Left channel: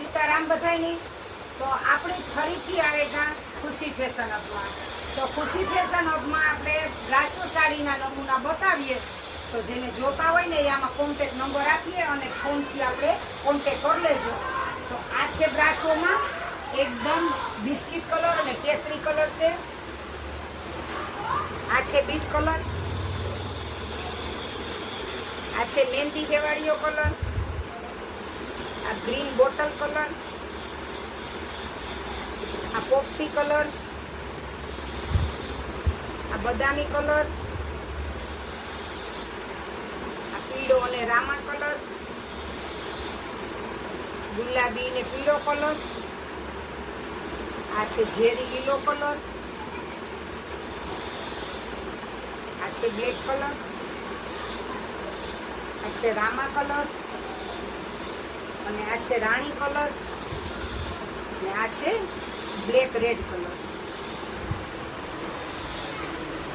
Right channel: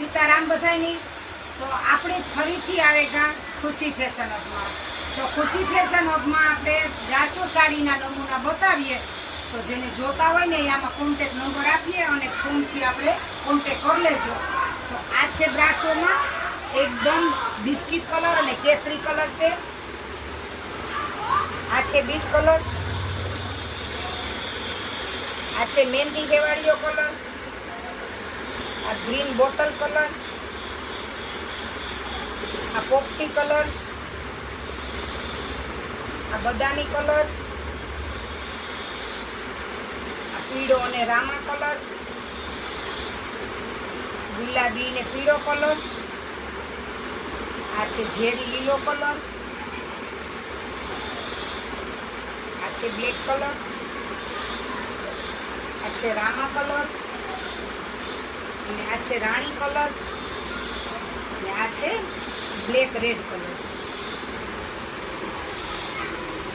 સીતારામ બધાયની. તો આપણે ફરીથી આવેગા ખુશી ફેશન હબમાં. તો ખુશી ફેશન હબમાં આપણે બ્રાસો સાડીના નમૂના બતાવીએ. તો જેને જોતા હોય ને એ આમાં કોન્ટેક નંબર આપીએ અને ફોનથી આપણે કોન્ટેક કરી લેજો. તો આ છે બ્રાસોમાં એકદમ બિસ્કિટ કલર અને કેસરી કલર છે. આ છે બીટ કલર. આ છે મહેંદી કેવાળીઓ કલર. આ ગ્રીન બોટલ કલર. આ પોપટી કલર. આ બદામી કલર. આ પીળો અને રામા કલર. ગુલાબી ને પીળો કલર. આ છે ઝેરી લીલો કલર. આ છે બ્લેક કલર. આ છે રામા કલર અને આ છે રાણી કલર અને આ છે બ્લેક રેડ કલર.